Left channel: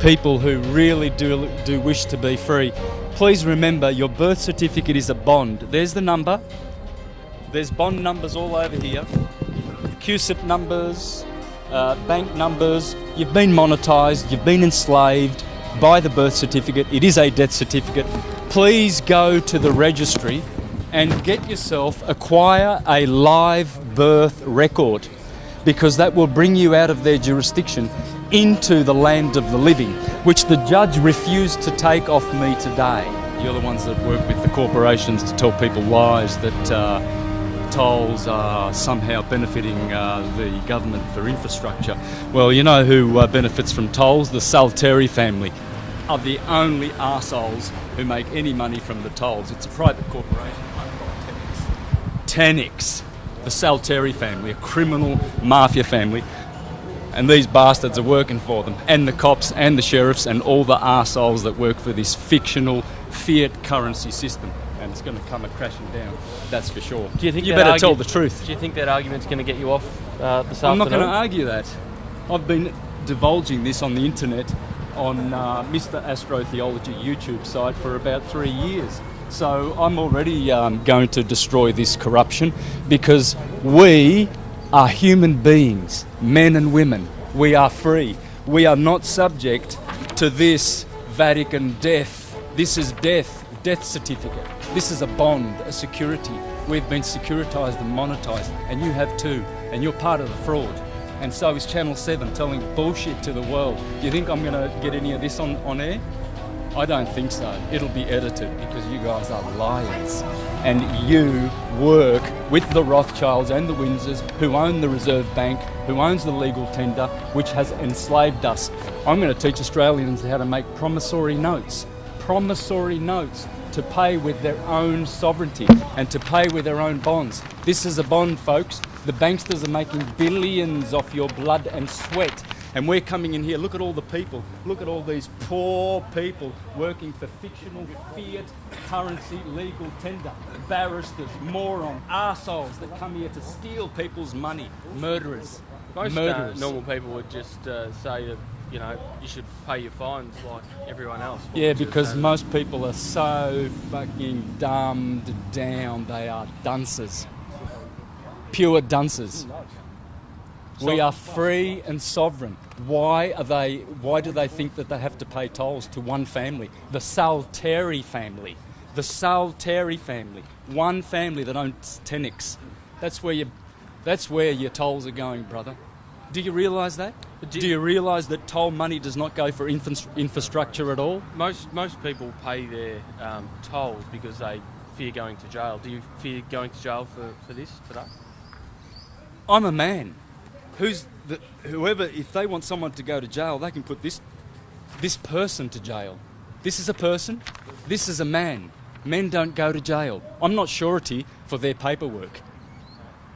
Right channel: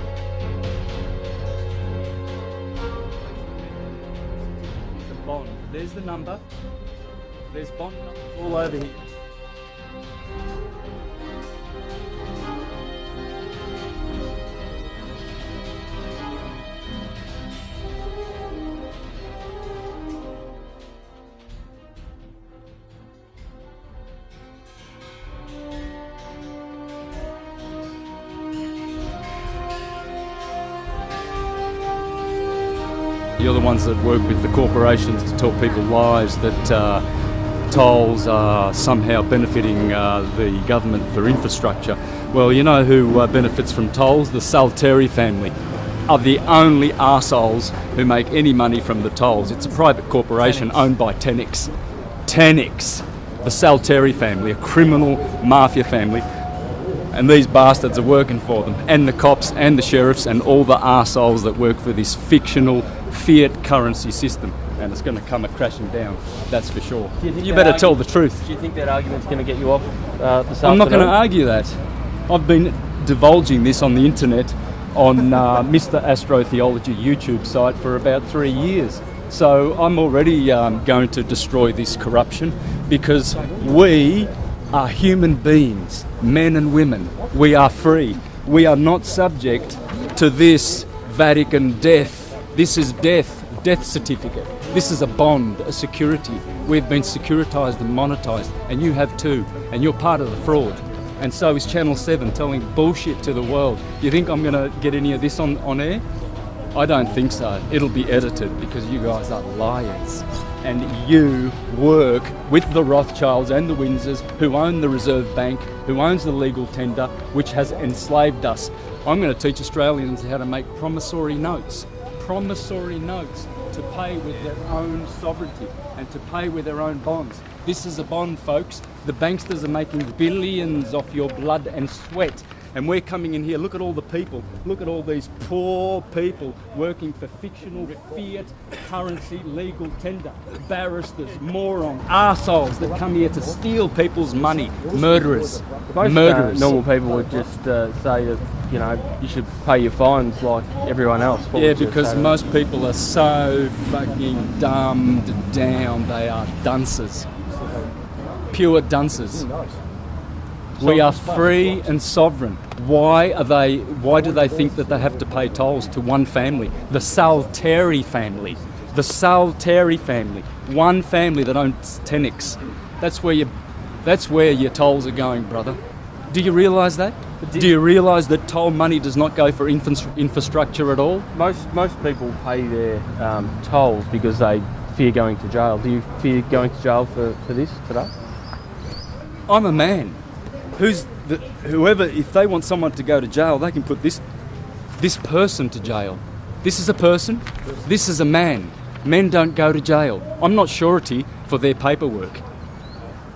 people who really do wish to be free, please remember your birth certificate is a bond. There's the number. There's bond numbers all over here. QSIP numbers, bank numbers. You've been monetised, you've been enslaved by the birth certificate. It is a death certificate. Please go to the registry and acquire a live birth record, because that will bring you out of their jurisdiction into the land of the living, which the judge refused to take off me today. You're the ones that work with the corporations to tell people lies that tolls are somehow benefiting the government for infrastructure. Well, you know who benefits from tolls? The Salteri family are the only arseholes who make any money from the tolls. It's a private corporation owned by Tenix. The Salteri family, a criminal mafia family. And these bastards are working for them, and the cops and the sheriffs and all the arseholes that work for this fictional fiat currency system. And it's going to come crashing down, that's for sure. Do you think you better tell the truth. Do you think that argument's going to get you off this afternoon? I'm not going to argue that. I've been divulging this on the internet on Mr. Astrotheology YouTube site for about 3 years. So I'm already going to destroy this corruption, because we are human beings, men and women. We are free. We are not subject to this Vatican death. This is death certificate. This is a bond, a security. We've been securitized and monetized, and you have too, and you're part of the fraud. And so is Channel 7 telling bullshit to the world. Do you think I'm going to get any of this on air? I don't think so. It'll be edited, because you guys are liars. And you work with the Rothschilds and the Windsors, who own the Reserve Bank, who owns the legal tender, which has enslaved us. I'm going to teach Australians how to make promissory notes to pay with their own sovereignty and to pay with their own bonds. This is a bond, folks. The banksters are making billions off your blood and sweat. And we're coming in here, look at all the people, look at all these poor people working for fictional fiat currency legal tender. Barristers, morons, arseholes that come here to steal people's money. Murderers. Most normal people would just say that, you know, you should pay your fines like everyone else. Yeah, because most people are so fucking dumbed down. They are dunces. Pure dunces. We are free and sovereign. Why do they think that they have to pay tolls to one family? The Salteri family. The Salteri family. One family that owns Tenix. That's where your tolls are going, brother. Do you realise that? Do you realise that toll money does not go for infrastructure at all? Most people pay their tolls because they fear going to jail. Do you fear going to jail for this today? I'm a man. Whoever, if they want someone to go to jail, they can put this person to jail. This is a person. This is a man. Men don't go to jail. I'm not surety for their paperwork.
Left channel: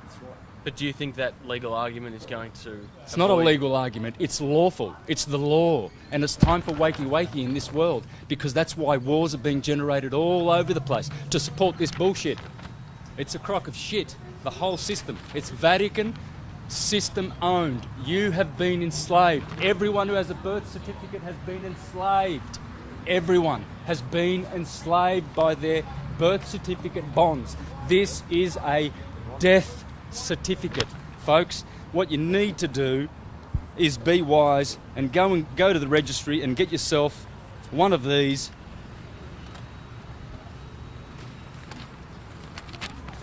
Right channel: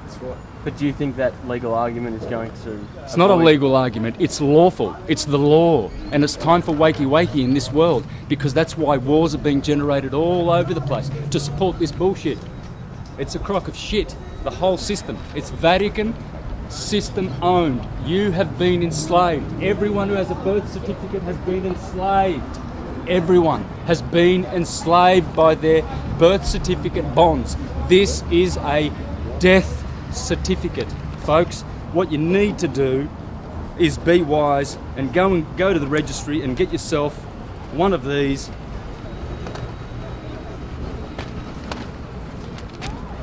That's right. But do you think that legal argument is going to... It's not a legal argument. It's lawful. It's the law. And it's time for wakey in this world, because that's why wars are being generated all over the place, to support this bullshit. It's a crock of shit. The whole system. It's Vatican system owned. You have been enslaved. Everyone who has a birth certificate has been enslaved. Everyone has been enslaved by their birth certificate bonds. This is a death certificate, folks. What you need to do is be wise and go to the registry and get yourself one of these.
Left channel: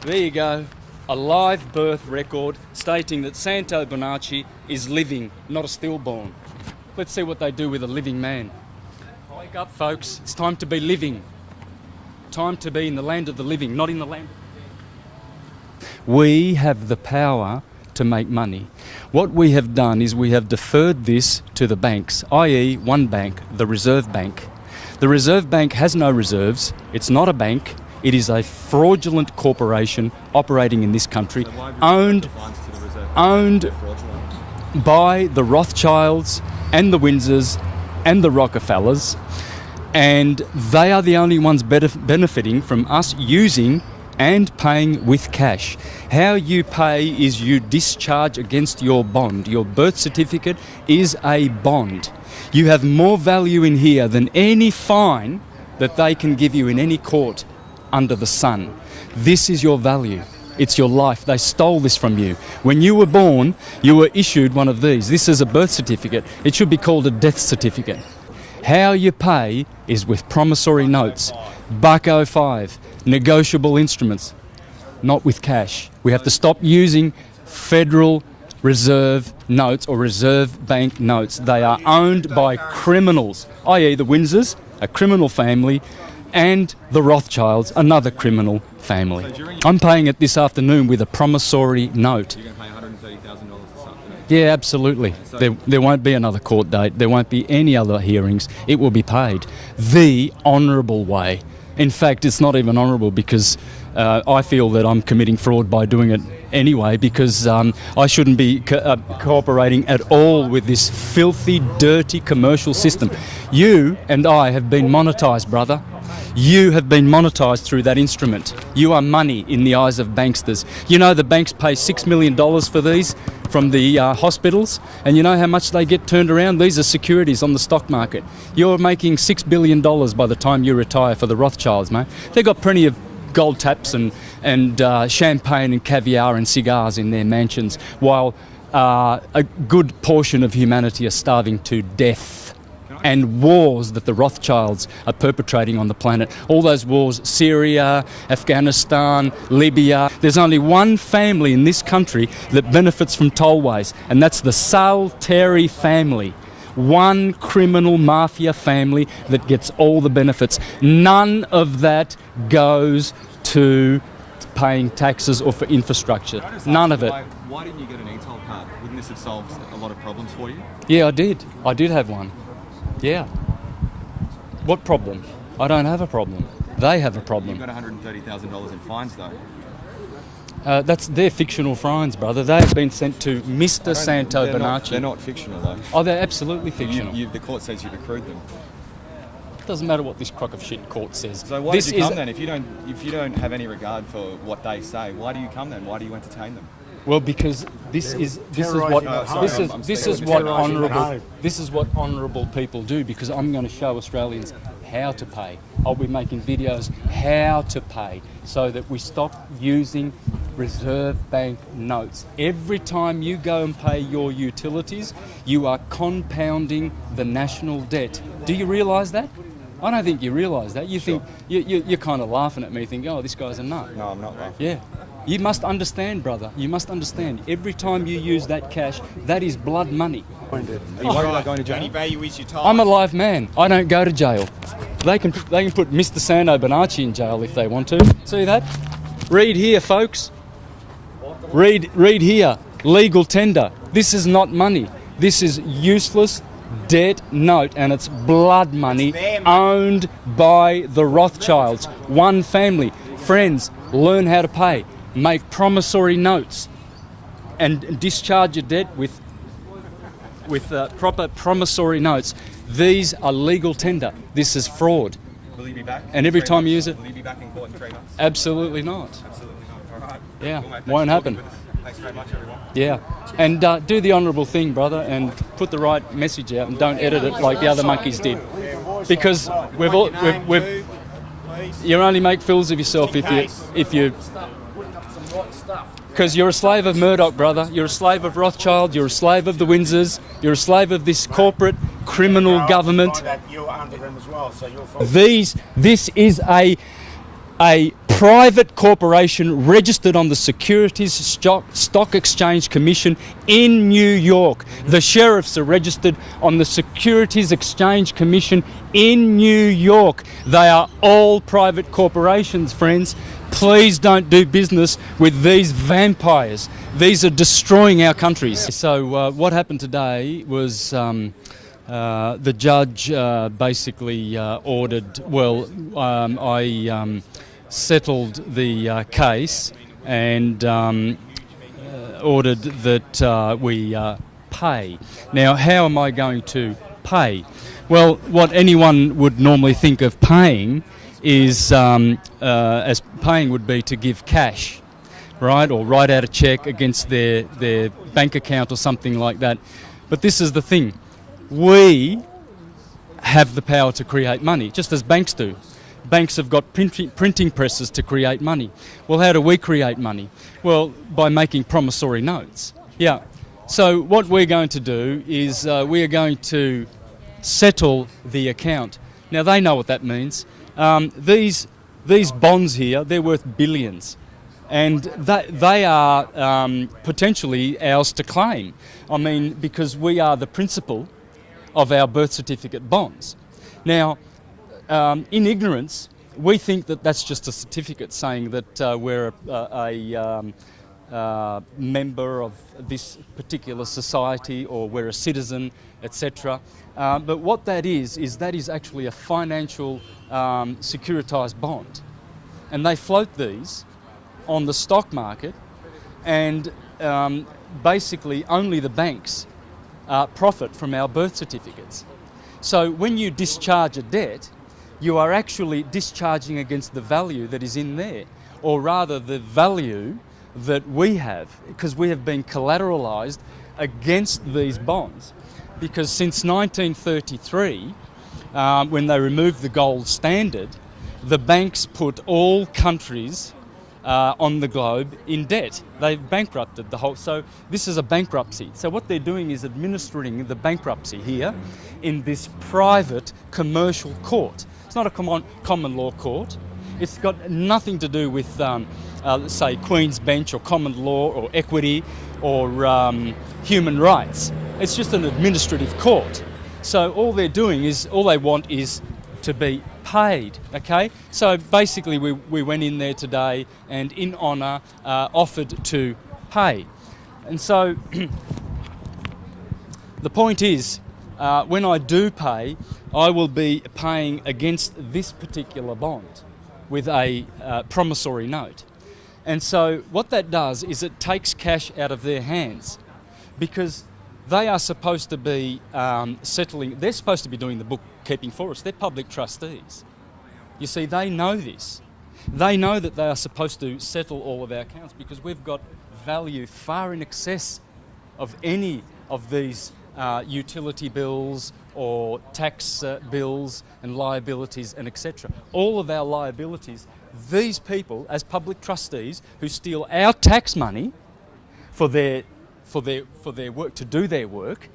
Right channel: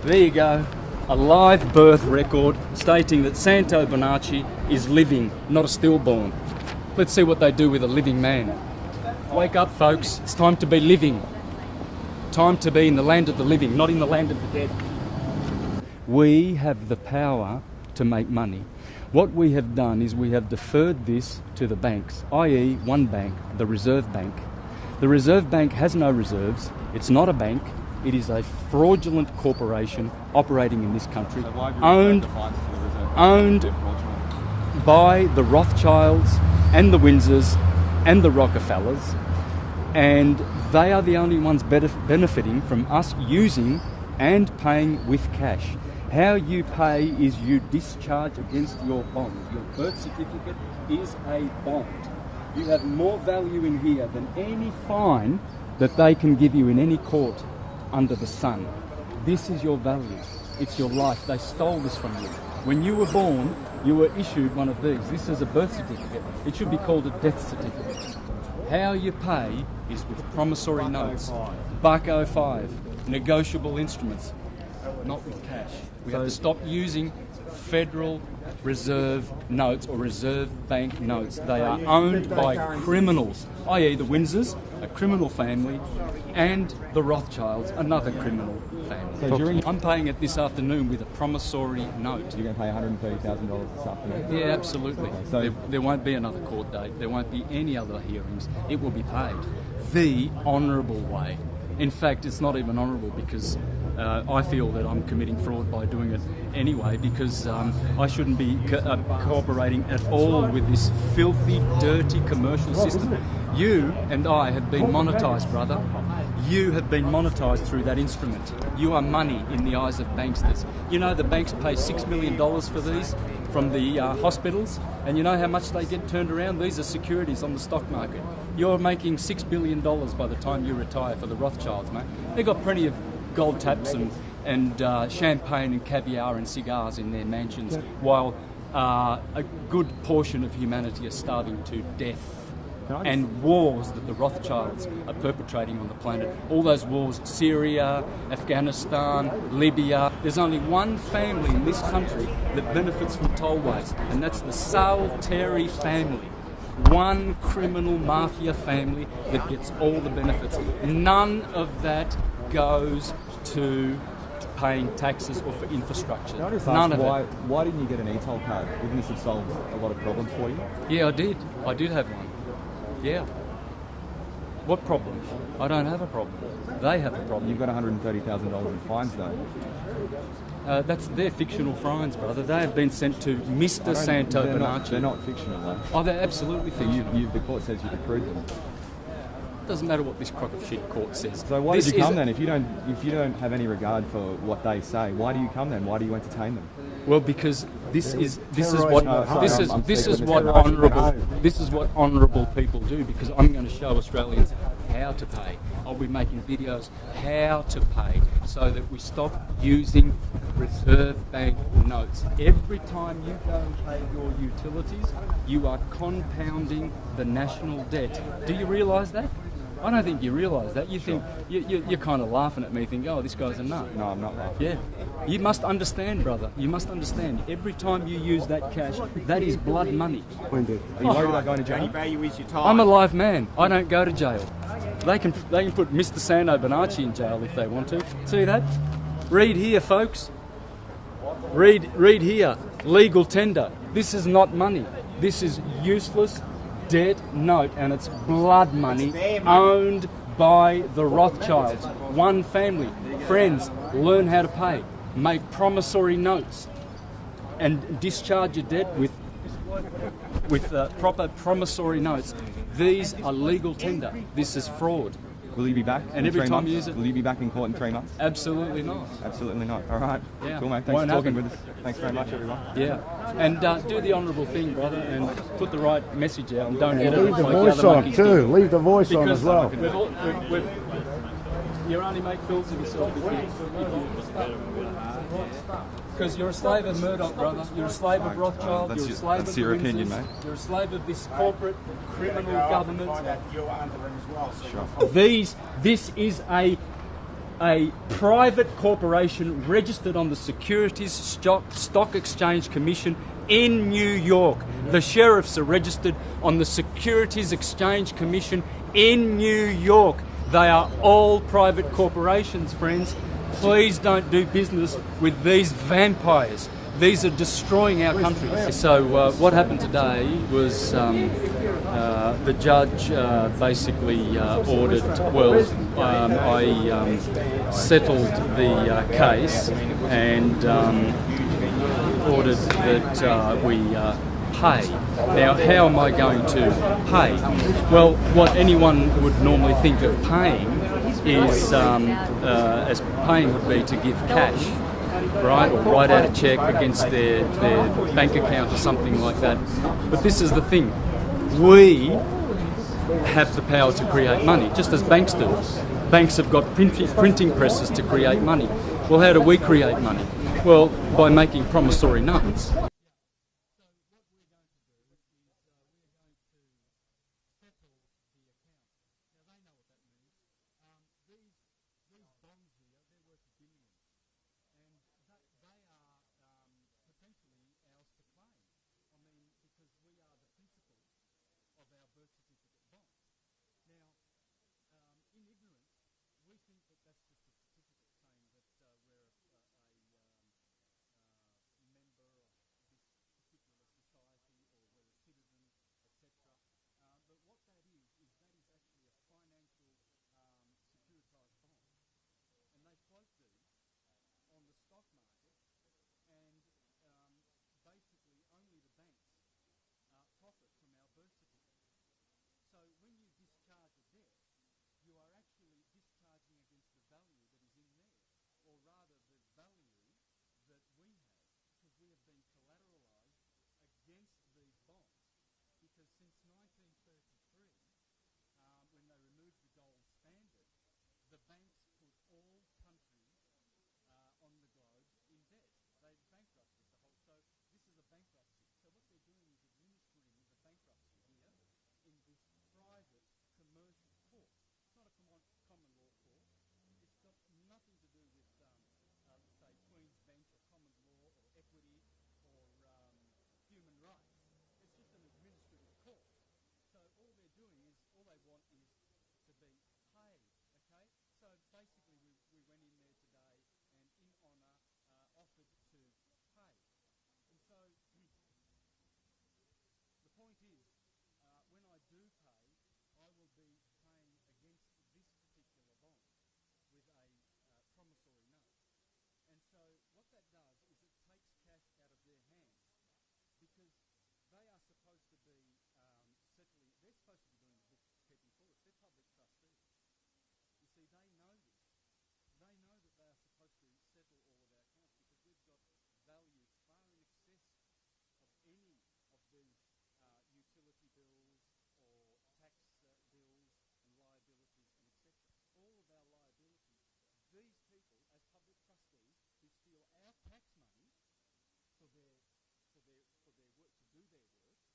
There you go. A live birth record stating that Santos Bonacci is living, not a stillborn. Let's see what they do with a living man. Wake up, folks. It's time to be living. Time to be in the land of the living, not in the land of the dead. We have the power to make money. What we have done is we have deferred this to the banks, i.e. one bank, the Reserve Bank. The Reserve Bank has no reserves. It's not a bank. It is a fraudulent corporation operating in this country, owned by the Rothschilds and the Windsors and the Rockefellers, and they are the only ones benefiting from us using and paying with cash. How you pay is you discharge against your bond. Your birth certificate is a bond. You have more value in here than any fine that they can give you in any court under the sun. This is your value. It's your life. They stole this from you. When you were born, you were issued one of these. This is a birth certificate. It should be called a death certificate. How you pay is with promissory notes, $1.05, negotiable instruments, not with cash. We have to stop using Federal Reserve notes or Reserve Bank notes. They are owned by criminals, i.e. the Windsors, a criminal family, and the Rothschilds, another criminal family. So I'm paying it this afternoon with a promissory note. You're going to pay $130,000 this afternoon? Yeah, absolutely. Okay, so There won't be another court date. There won't be any other hearings. It will be paid the honourable way. In fact, it's not even honourable because I feel that I'm committing fraud by doing it anyway, because I shouldn't be cooperating at all with this filthy, dirty commercial system. You and I have been monetised, brother. You have been monetised through that instrument. You are money in the eyes of banksters. You know the banks pay $6 million for these from the hospitals, and you know how much they get turned around? These are securities on the stock market. You're making $6 billion by the time you retire for the Rothschilds, mate. They've got plenty of gold taps and champagne and caviar and cigars in their mansions, while a good portion of humanity are starving to death. And wars that the Rothschilds are perpetrating on the planet. All those wars, Syria, Afghanistan, Libya. There's only one family in this country that benefits from tollways, and that's the Salteri family. One criminal mafia family that gets all the benefits. None of that goes to paying taxes or for infrastructure. None of it. Why didn't you get an e-toll card? Wouldn't this have solved a lot of problems for you? Yeah, I did. I did have one. Yeah. What problem? I don't have a problem. They have a problem. You've got $130,000 in fines, though. That's their fictional fines, brother. They have been sent to Mr. Santos Bonacci. They're not fictional, though. Oh, they're absolutely fictional. The court says you've accrued them. Doesn't matter what this crock of shit court says. So why did you come then? If you don't have any regard for what they say, why do you come then? Why do you entertain them? Well, because this is what honourable people do. Because I'm going to show Australians how to pay. I'll be making videos how to pay so that we stop using Reserve Bank notes. Every time you go and pay your utilities, you are compounding the national debt. Do you realise that? I don't think you realise that. You think you're kind of laughing at me, think, oh, this guy's a nut. No, I'm not, mate. Yeah. You must understand, brother. You must understand. Every time you use that cash, that is blood money. Are you worried about going to jail? Only value is your time. I'm a live man. I don't go to jail. They can put Mr. Santos Bonacci in jail if they want to. See that? Read here, folks. Read here. Legal tender. This is not money. This is useless debt note, and it's blood money owned by the Rothschilds. One family. Friends, learn how to pay. Make promissory notes and discharge your debt with proper promissory notes. These are legal tender. This is fraud. Will you be back? And every time you use it? Will you be back in court in 3 months? Absolutely not. Absolutely not. All right. Yeah. Cool, mate. Thanks Won't for talking happen. with us. Thanks very much, everyone. Yeah. And do the honourable thing, brother, and put the right message out, and don't edit it like the other monkeys did. Leave the voice Because on as well. we've you only make fools of yourself if you because you're a slave of Murdoch, brother. You're a slave of Rothschild. You're a slave of the Windsors. You're a slave of this corporate criminal government. This is a private corporation registered on the Securities Stock Exchange Commission in New York. The sheriffs are registered on the Securities Exchange Commission in New York. They are all private corporations, friends. Please don't do business with these vampires. These are destroying our countries. So what happened today was the judge basically ordered, I settled the case and ordered that we pay. Now, how am I going to pay? Well, what anyone would normally think of paying is, as paying would be to give cash, right, or write out a cheque against their bank account or something like that. But this is the thing. We have the power to create money, just as banks do. Banks have got printing presses to create money. Well, how do we create money? Well, by making promissory notes. Yeah. So what we're going to do is we are going to settle the account. Now, they know what that means. These bonds here, they're worth billions. And they are potentially ours to claim. I mean, because we are the principal of our birth certificate bonds. Now, in ignorance, we think that that's just a certificate saying that we're a member of this particular society, or we're a citizen, etc. But what that is that is actually a financial securitized bond. And they float these on the stock market, and basically only the banks profit from our birth certificates. So when you discharge a debt, you are actually discharging against the value that is in there, or rather the value that we have, because we have been collateralized against these bonds. Because since 1933, when they removed the gold standard, the banks put all countries on the globe in debt. They've bankrupted the whole. So this is a bankruptcy. So what they're doing is administering the bankruptcy here in this private commercial court. It's not a common law court. It's got nothing to do with, say, Queen's Bench or common law or equity or human rights. It's just an administrative court. So all they're doing is, all they want is to be paid, okay? So basically we went in there today and in honour offered to pay. And so the point is, when I do pay, I will be paying against this particular bond with a promissory note. And so what that does is it takes cash out of their hands, because they are supposed to be settling, they're supposed to be doing the bookkeeping for us. They're public trustees. You see, they know this. They know that they are supposed to settle all of our accounts, because we've got value far in excess of any of these utility bills or tax bills and liabilities and etc. All of our liabilities, these people as public trustees who steal our tax money for their work, to do their work,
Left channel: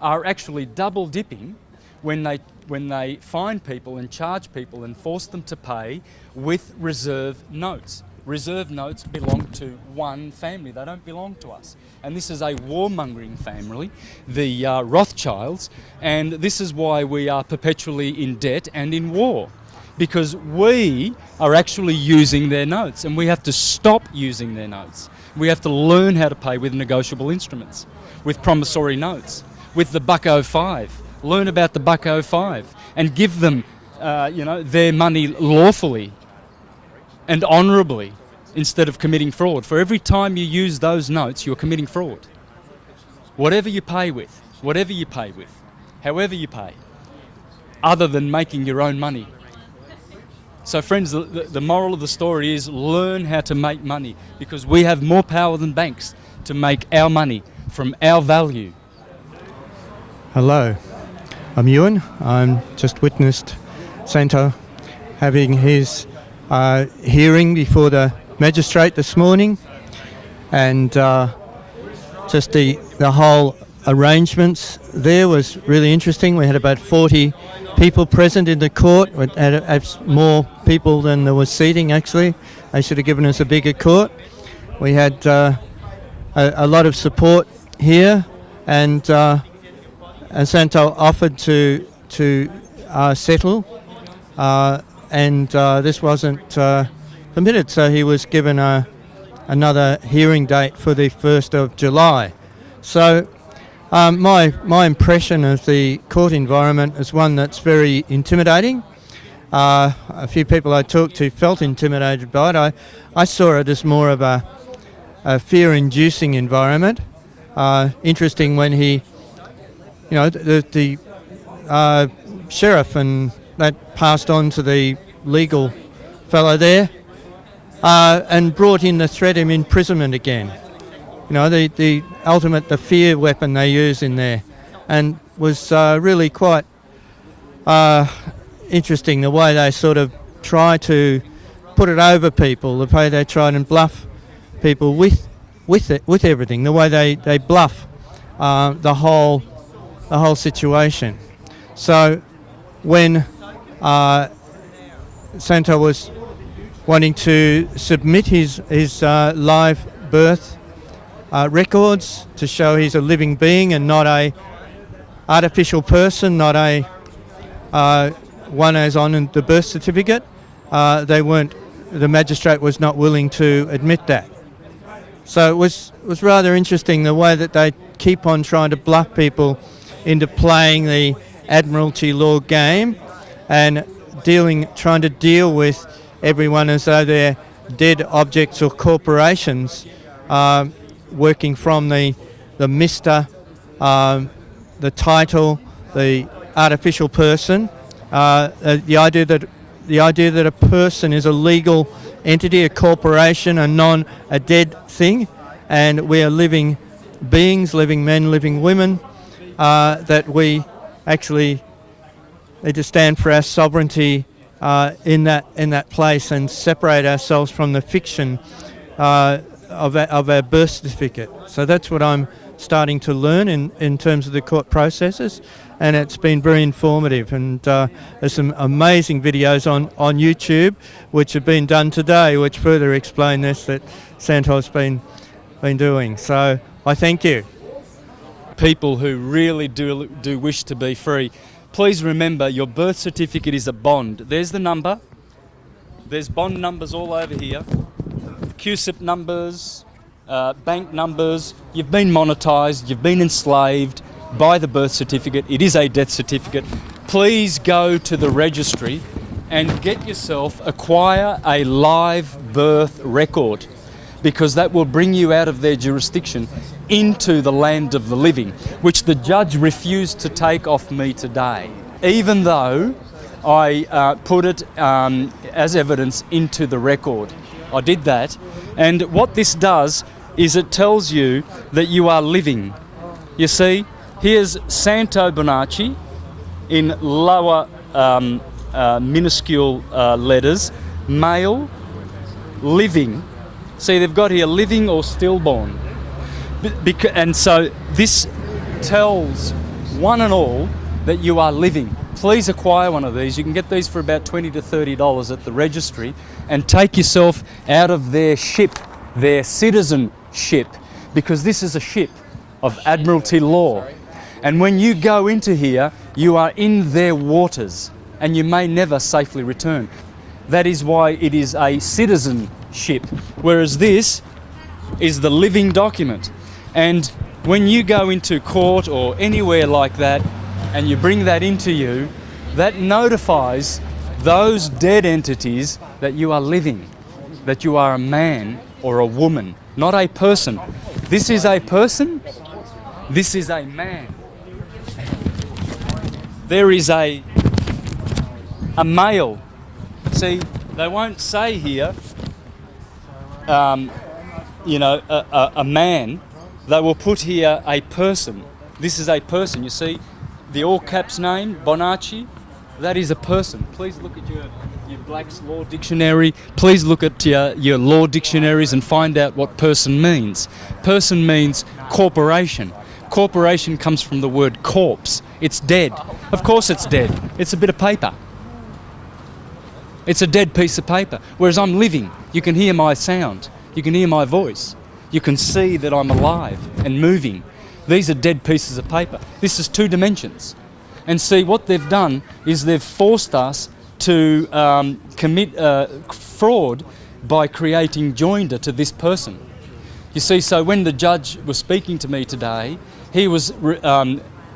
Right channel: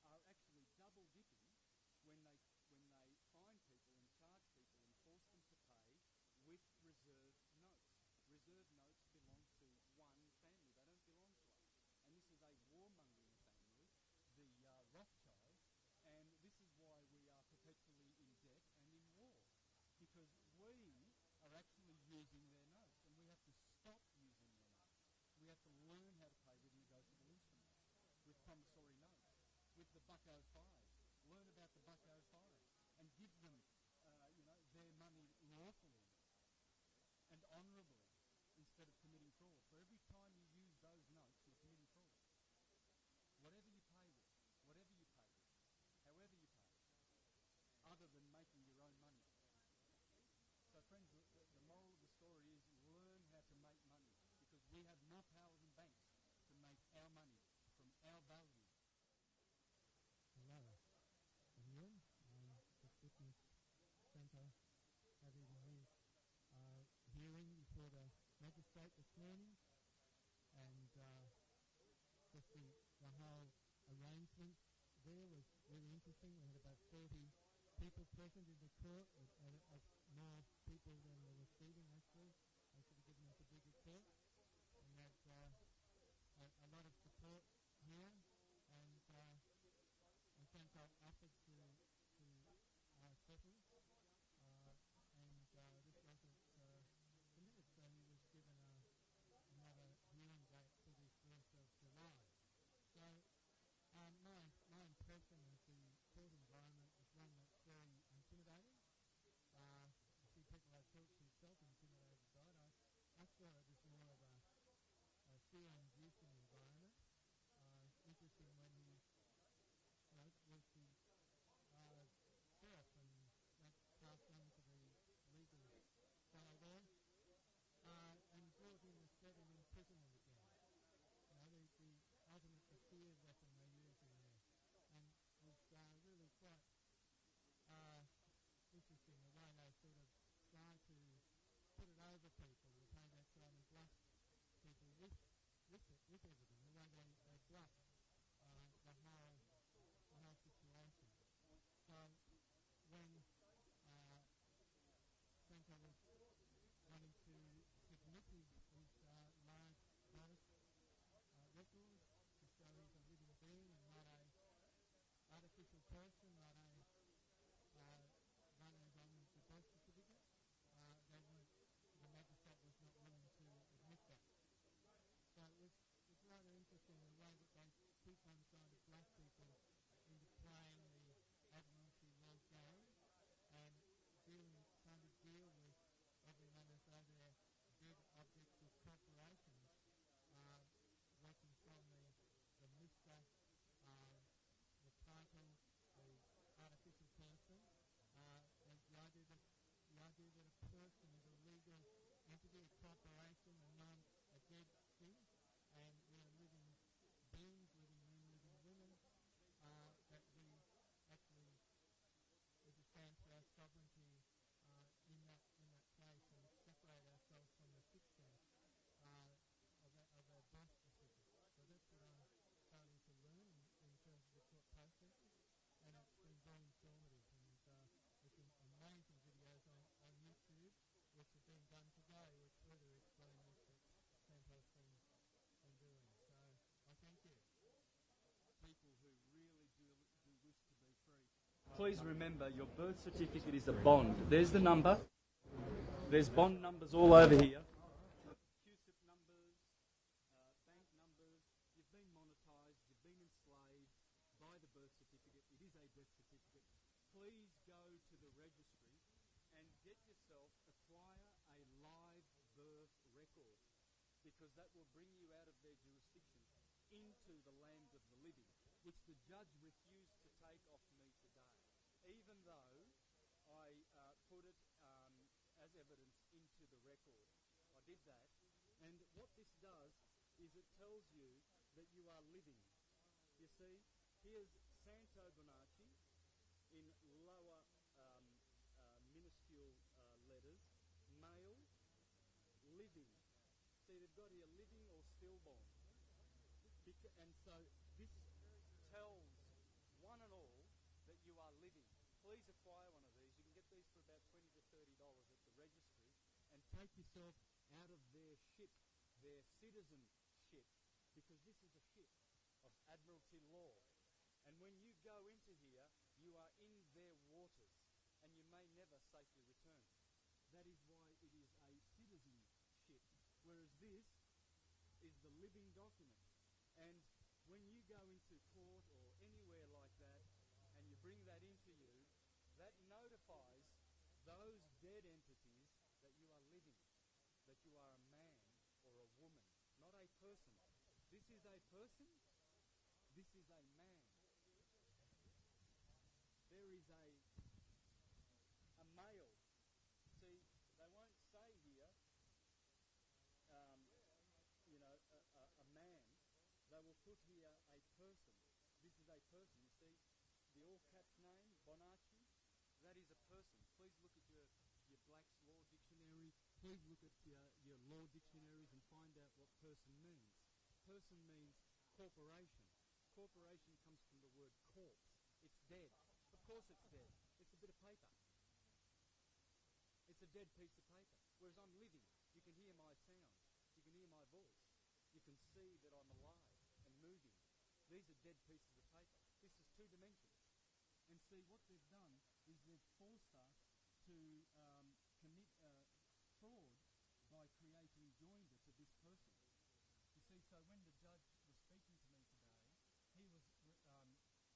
are actually double dipping when they fine people and charge people and force them to pay with reserve notes. Reserve notes belong to one family, they don't belong to us. And this is a warmongering family, the Rothschilds, and this is why we are perpetually in debt and in war, because we are actually using their notes, and we have to stop using their notes. We have to learn how to pay with negotiable instruments, with promissory notes, with the $1.05. Learn about the $1.05 and give them, their money lawfully and honourably, instead of committing fraud. For every time you use those notes, you're committing fraud. Whatever you pay with, however you pay, other than making your own money. So friends, the moral of the story is learn how to make money, because we have more power than banks to make our money from our value. Hello, I'm Ewan. I'm just witnessed Santo having his hearing before the magistrate this morning, and just the whole arrangements there was really interesting. We had about 40 people present in the court. We had more people than there was seating, actually. They should have given us a bigger court. We had a lot of support here, and Santo offered to settle, and this wasn't permitted, so he was given another hearing date for the 1st of July. So my impression of the court environment is one that's very intimidating. A few people I talked to felt intimidated by it. I saw it as more of a fear-inducing environment. Interesting when he, the sheriff and that passed on to the legal fellow there, and brought in the threat of imprisonment again. You know, the ultimate, the fear weapon they use in there, and was really quite interesting the way they sort of try to put it over people, the way they try and bluff people with everything, the way they bluff the whole situation. So when Santo was wanting to submit his live birth records to show he's a living being and not a artificial person, not a one as on the birth certificate, the magistrate was not willing to admit that. So it was rather interesting the way that they keep on trying to bluff people into playing the Admiralty law game and trying to deal with everyone as though they're dead objects or corporations, working from the Mr., the title, the artificial person, the idea that a person is a legal entity, a corporation, a dead thing, and we are living beings, living men, living women, that we actually need to stand for our sovereignty in that place and separate ourselves from the fiction of our birth certificate. So that's what I'm starting to learn in terms of the court processes, and it's been very informative. And there's some amazing videos on YouTube which have been done today which further explain this, that Santos been doing. So I thank you. People who really do wish to be free, please remember your birth certificate is a bond. There's the number. There's bond numbers all over here. QSIP numbers, bank numbers. You've been monetised, you've been enslaved by the birth certificate. It is a death certificate. Please go to the registry and acquire a live birth record, because that will bring you out of their jurisdiction into the land of the living, which the judge refused to take off me today, even though I put it as evidence into the record. I did that, and what this does is it tells you that you are living. You see, here's Santos Bonacci in lower minuscule letters, male, living. See, they've got here living or stillborn. And so this tells one and all that you are living. Please acquire one of these. You can get these for about $20 to $30 at the registry, and take yourself out of their ship, their citizenship, because this is a ship of Admiralty law. And when you go into here, you are in their waters, and you may never safely return. That is why it is a citizenship, whereas this is the living document. And when you go into court or anywhere like that, and you bring that into you, that notifies those dead entities that you are living, that you are a man or a woman, not a person. This is a person, this is a man. There is a male. See, they won't say here, you know, a man. They will put here a person. This is a person, you see. The all caps name, Bonacci, that is a person. Please look at your Black's Law Dictionary. Please look at your law dictionaries and find out what person means. Person means corporation. Corporation comes from the word corpse. It's dead. Of course it's dead. It's a bit of paper. It's a dead piece of paper. Whereas I'm living. You can hear my sound. You can hear my voice. You can see that I'm alive and moving. These are dead pieces of paper. This is 2 dimensions. And see, what they've done is they've forced us to commit fraud by creating joinder to this person. You see, so when the judge was speaking to me today, he was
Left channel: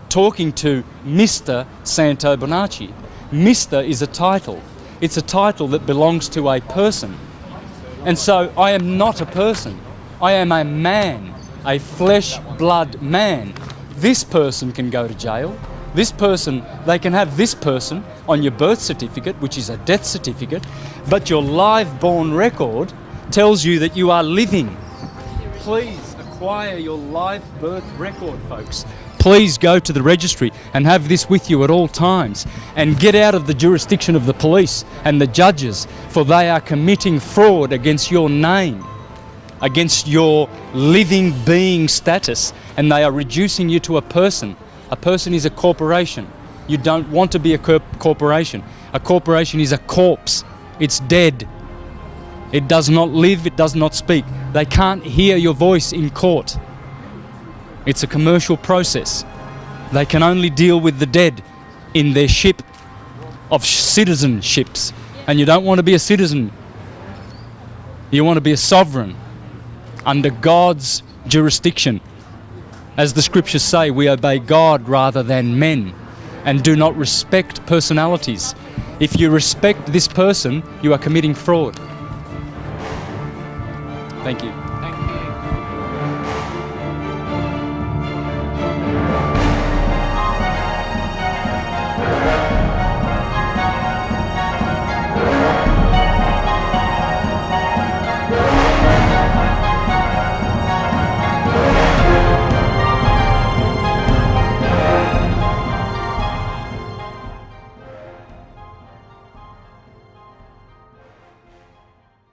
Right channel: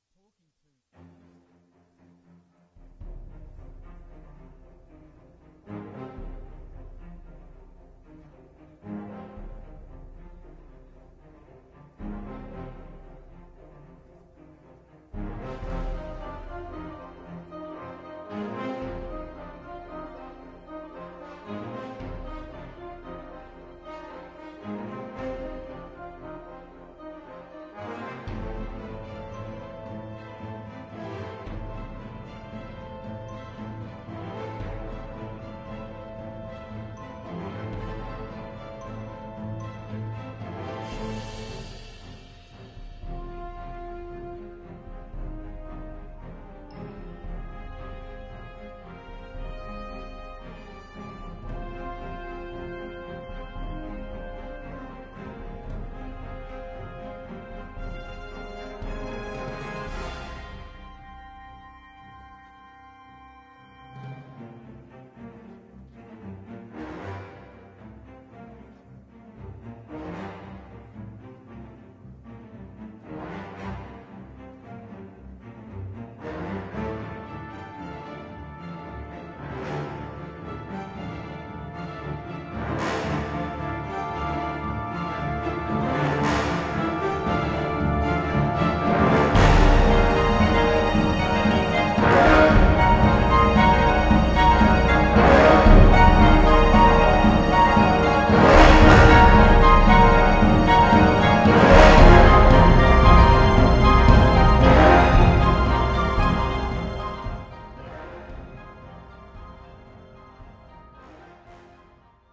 talking to Mr. Santos Bonacci. Mr. is a title. It's a title that belongs to a person. And so I am not a person. I am a man, a flesh, blood man. This person can go to jail. This person, they can have this person on your birth certificate, which is a death certificate, but your live-born record tells you that you are living. Please acquire your live birth record, folks. Please go to the registry and have this with you at all times, and get out of the jurisdiction of the police and the judges, for they are committing fraud against your name, against your living being status, and they are reducing you to a person. A person is a corporation. You don't want to be a corporation. A corporation is a corpse. It's dead. It does not live, it does not speak. They can't hear your voice in court. It's a commercial process. They can only deal with the dead in their ship of citizenships. And you don't want to be a citizen. You want to be a sovereign under God's jurisdiction. As the scriptures say, we obey God rather than men, and do not respect personalities. If you respect this person, you are committing fraud. Thank you.